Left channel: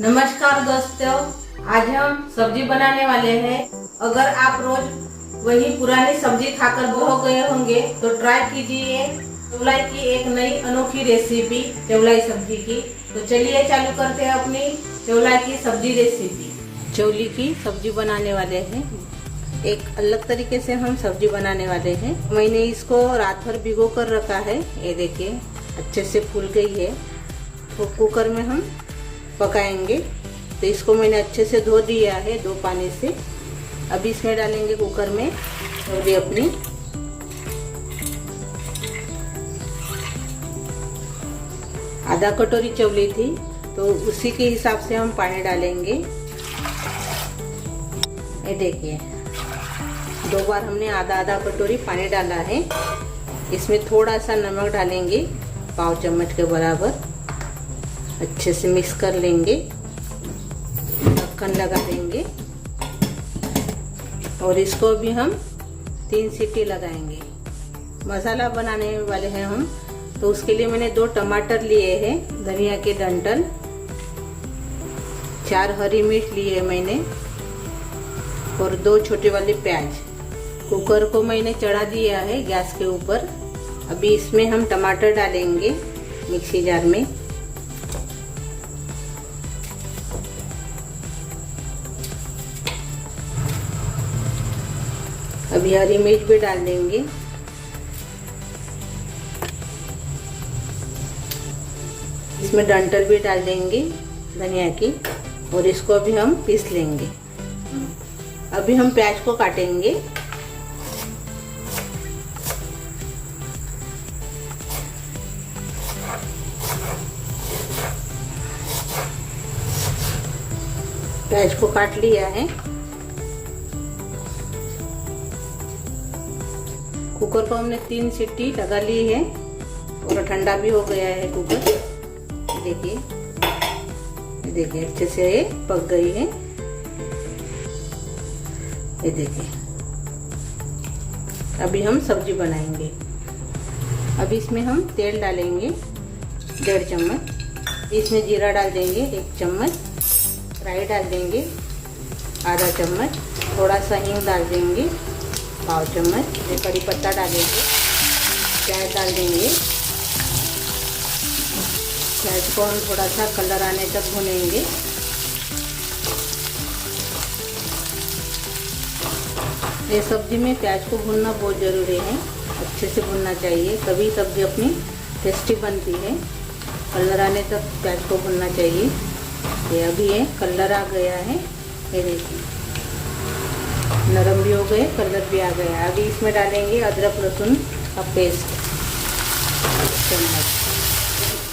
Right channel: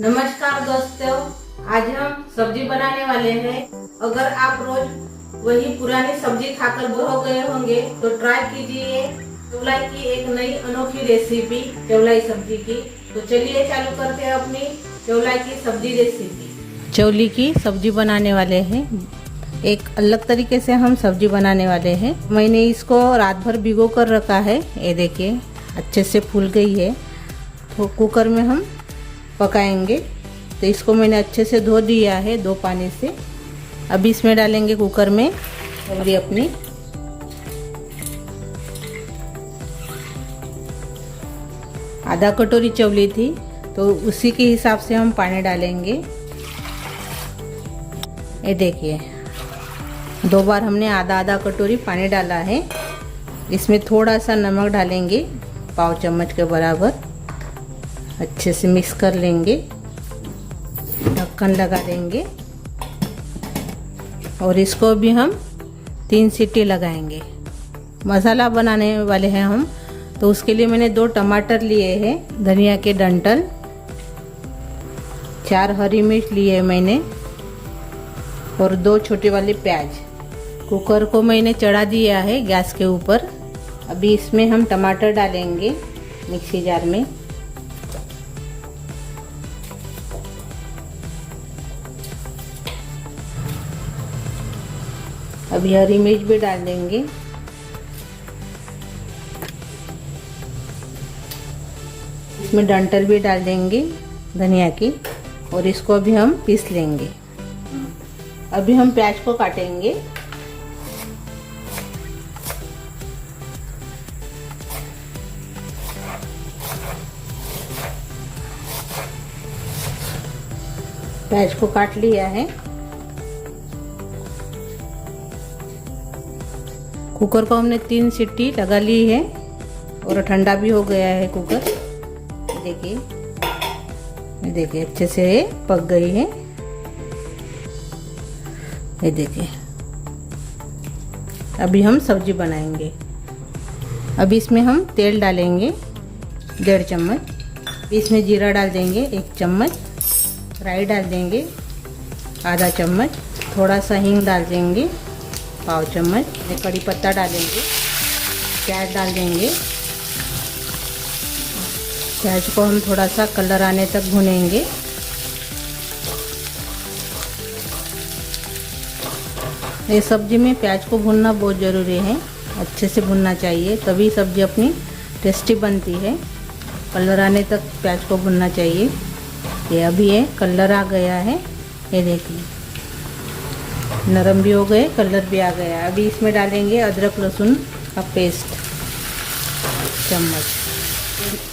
नमस्कार दोस्तों, आज हम सब्जी बनाने वाले हैं। अगर आप रोज वही पुरानी सब्जी खाकर बोर हो गए होंगे तो ट्राई कीजिए चौलाई की एक नई अनोखी रेसिपी चौलाई सब्जी की। तो चलिए चालू करते हैं अपनी चौलाई की सब्जी रेसिपी। चौली की सब्जी बनाने वाले हैं। एक अलग तरीके से हम सब्जी बनाने वाले हैं। मैंने इसको रात भर भिगो कर रखा है। ये देखिए अच्छे से फूल गई है। तो कुकर में हम पकाएंगे। तो इसको मैंने अच्छे से धो दिया है 2 पानी से। अभी इसमें डालेंगे कुकर में और ये अपनी आधा कटोरी चौली थी, तो उसी के हिसाब से हम पानी डालेंगे। ये देखिए 2 बार हमने आधा कटोरी पानी डाला है। इसमें थोड़ा सा नमक डालेंगे, पाव चम्मच के बराबर। अच्छे से मिक्स कर लेंगे, ढक्कन लगा देंगे और इसको भी हम 3 सीटी लगाएंगे। मसाला बनाने वाले हैं हम, तो उसके लिए मैंने 2 टमाटर लिए हैं, धनिया के डंठल, 4 हरी मिर्च लिए हैं मैंने और 2 छोटे वाले प्याज। कुकर को मैंने चढ़ा दिया है गैस के ऊपर। अभी इसमें हम टमाटर डालेंगे मिक्सी जार में। अभी हरी मिर्च भी डाल देंगे। इसमें डंठल भी डाल देंगे धनिया की और इसको भी हम पीस लेंगे। अभी हम प्याज को काटेंगे। प्याज को काट लिया है। कुकर को हमने 3 सीटी लगा ली है और ठंडा भी हो गया है कुकर। देखिए अच्छे से ये पक गई है। ये देखिए अभी हम सब्जी बनाएंगे। अभी इसमें हम तेल डालेंगे 1.5 चम्मच। इसमें जीरा डाल देंगे 1 चम्मच, राई डाल देंगे आधा चम्मच, थोड़ा सा हींग डाल देंगे पाव चम्मच, कड़ी पत्ता डालेंगे, प्याज डाल देंगे। प्याज को हम थोड़ा सा कलर आने तक भुनेंगे। ये सब्जी में प्याज को भुनना बहुत ज़रूरी है, अच्छे से भुनना चाहिए, तभी सब्जी अपनी टेस्टी बनती है। कलर आने तक प्याज को भुनना चाहिए। ये अभी ये कलर आ गया है। ये देखिए नरम भी हो गए, कलर भी आ गया। अभी इसमें डालेंगे अदरक लहसुन का पेस्ट चम्मच,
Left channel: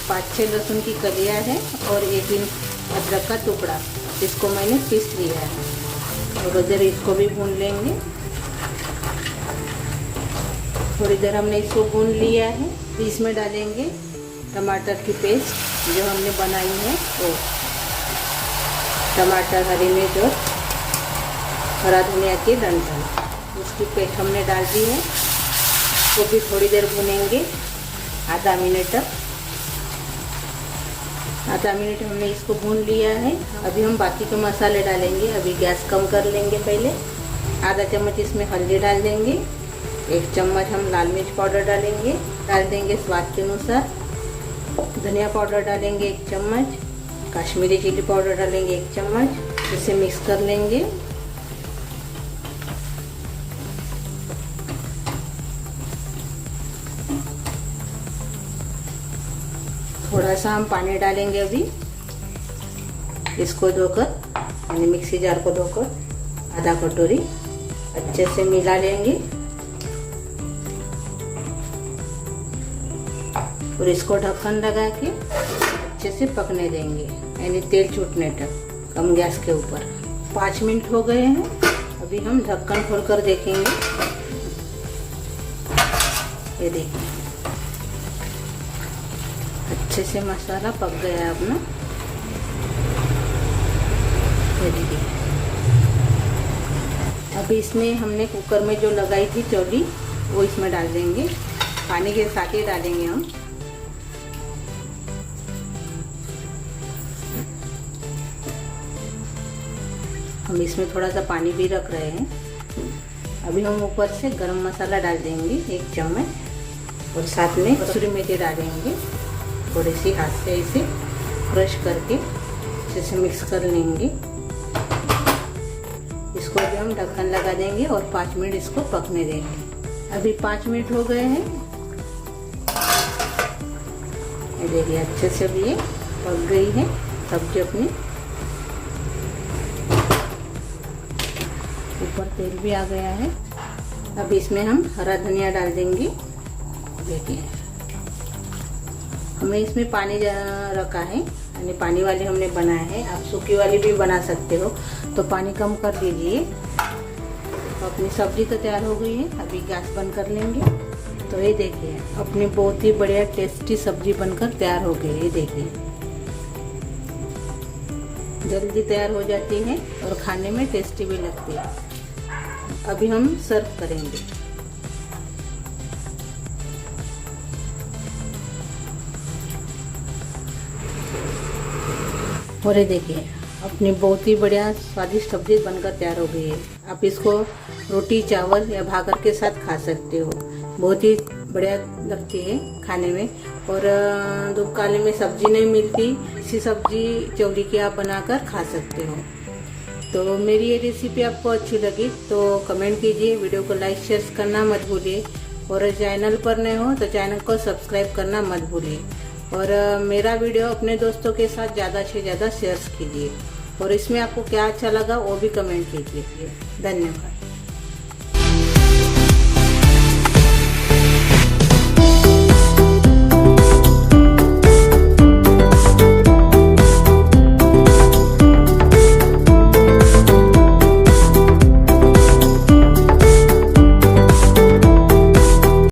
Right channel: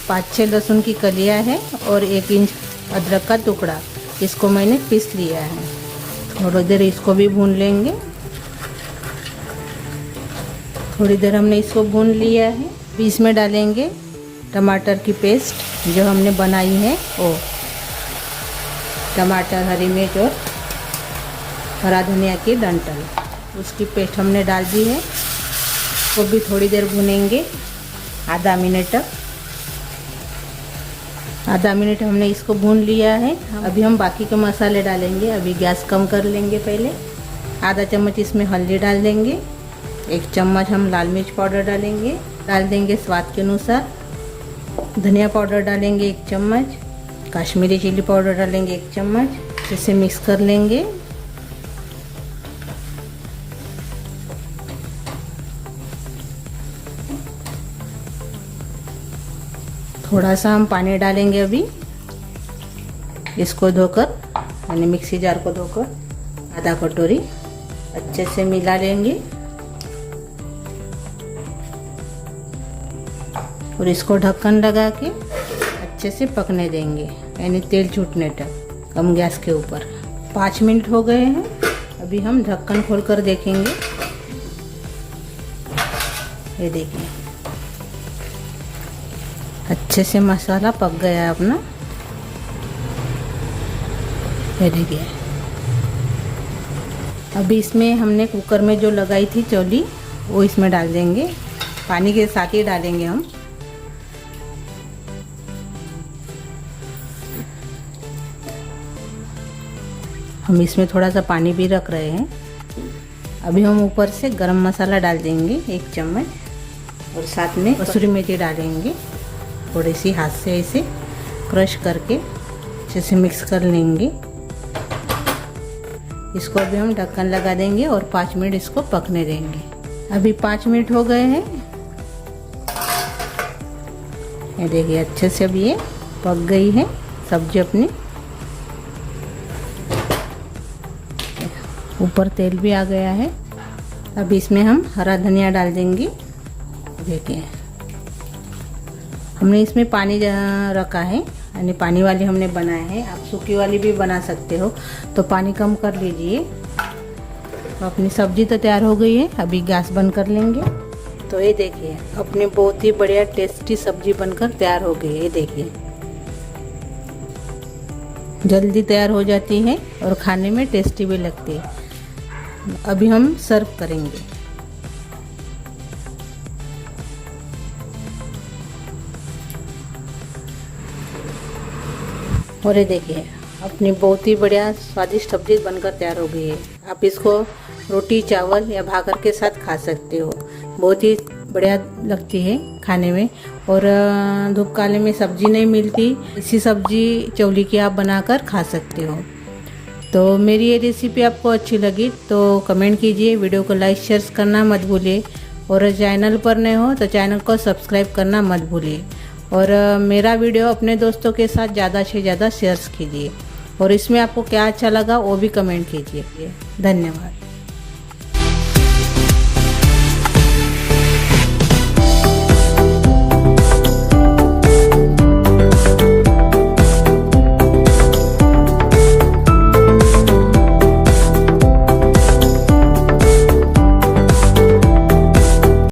5-6 लहसुन की कलियां है और 1 इंच अदरक का टुकड़ा, इसको मैंने पीस लिया है। और इधर इसको भी भून लेंगे। थोड़ी देर हमने इसको भून लिया है। फिर इसमें डालेंगे टमाटर की पेस्ट जो हमने बनाई है, वो टमाटर, हरी मिर्च और हरा धनिया के डंठल, उसकी पेस्ट हमने डाल दी है। तो भी थोड़ी देर भुनेंगे, आधा मिनट तक। आधा मिनट हमने इसको भून लिया है। अभी हम बाकी के मसाले डालेंगे। अभी गैस कम कर लेंगे। पहले आधा चम्मच इसमें हल्दी डाल देंगे, 1 चम्मच हम लाल मिर्च पाउडर डालेंगे, डाल देंगे स्वाद के अनुसार। धनिया पाउडर डालेंगे 1 चम्मच, कश्मीरी चिल्ली पाउडर डालेंगे 1 चम्मच। इसे मिक्स कर लेंगे। थोड़ा सा हम पानी डालेंगे अभी। इसको धोकर, यानी मिक्सी जार को धोकर आधा कटोरी अच्छे से मिला लेंगे और इसको ढक्कन लगा के अच्छे से पकने देंगे, यानी तेल छूटने तक, कम गैस के ऊपर। 5 मिनट हो गए हैं। अभी हम ढक्कन खोलकर देखेंगे। ये देखिए अच्छे से मसाला पक गया है अपना। ये देखिए अभी इसमें हमने कुकर में जो लगाई थी चौली, वो इसमें डाल देंगे। पानी के साथ ही डालेंगे हम। हम इसमें थोड़ा सा पानी भी रख रहे हैं। अभी हम ऊपर से गरम मसाला डाल देंगे 1 चम्मच और साथ में कसूरी मेथी डालेंगे। थोड़ी सी हाथ से ऐसे क्रश करके अच्छे से मिक्स कर लेंगे। इसको भी हम ढक्कन लगा देंगे और 5 मिनट इसको पकने देंगे। अभी 5 मिनट हो गए हैं। ये देखिए अच्छे से अब ये पक गई है सब्जी अपनी। ऊपर तेल भी आ गया है। अब इसमें हम हरा धनिया डाल देंगे। देखिए हमने इसमें पानी रखा है, यानी पानी वाली हमने बनाया है। आप सूखी वाली भी बना सकते हो, तो पानी कम कर लीजिए। अपनी सब्जी तो तैयार हो गई है। अभी गैस बंद कर लेंगे। तो ये देखिए अपनी बहुत ही बढ़िया टेस्टी सब्जी बनकर तैयार हो गई है। ये देखिए जल्दी तैयार हो जाती है और खाने में टेस्टी भी लगती है। अभी हम सर्व करेंगे। और ये देखिए अपनी बहुत ही बढ़िया स्वादिष्ट सब्जी बनकर तैयार हो गई है। आप इसको रोटी चावल या भाकर के साथ खा सकते हो। बहुत ही बढ़िया लगती है खाने में। और धूप काले में सब्जी नहीं मिलती, इसी सब्जी चौली की आप बनाकर खा सकते हो। तो मेरी ये रेसिपी आपको अच्छी लगी तो कमेंट कीजिए, वीडियो को लाइक शेयर करना मत भूलिए। और चैनल पर नए हो तो चैनल को सब्सक्राइब करना मत भूलिए। और मेरा वीडियो अपने दोस्तों के साथ ज़्यादा से ज़्यादा शेयर कीजिए। और इसमें आपको क्या अच्छा लगा वो भी कमेंट कीजिए। धन्यवाद।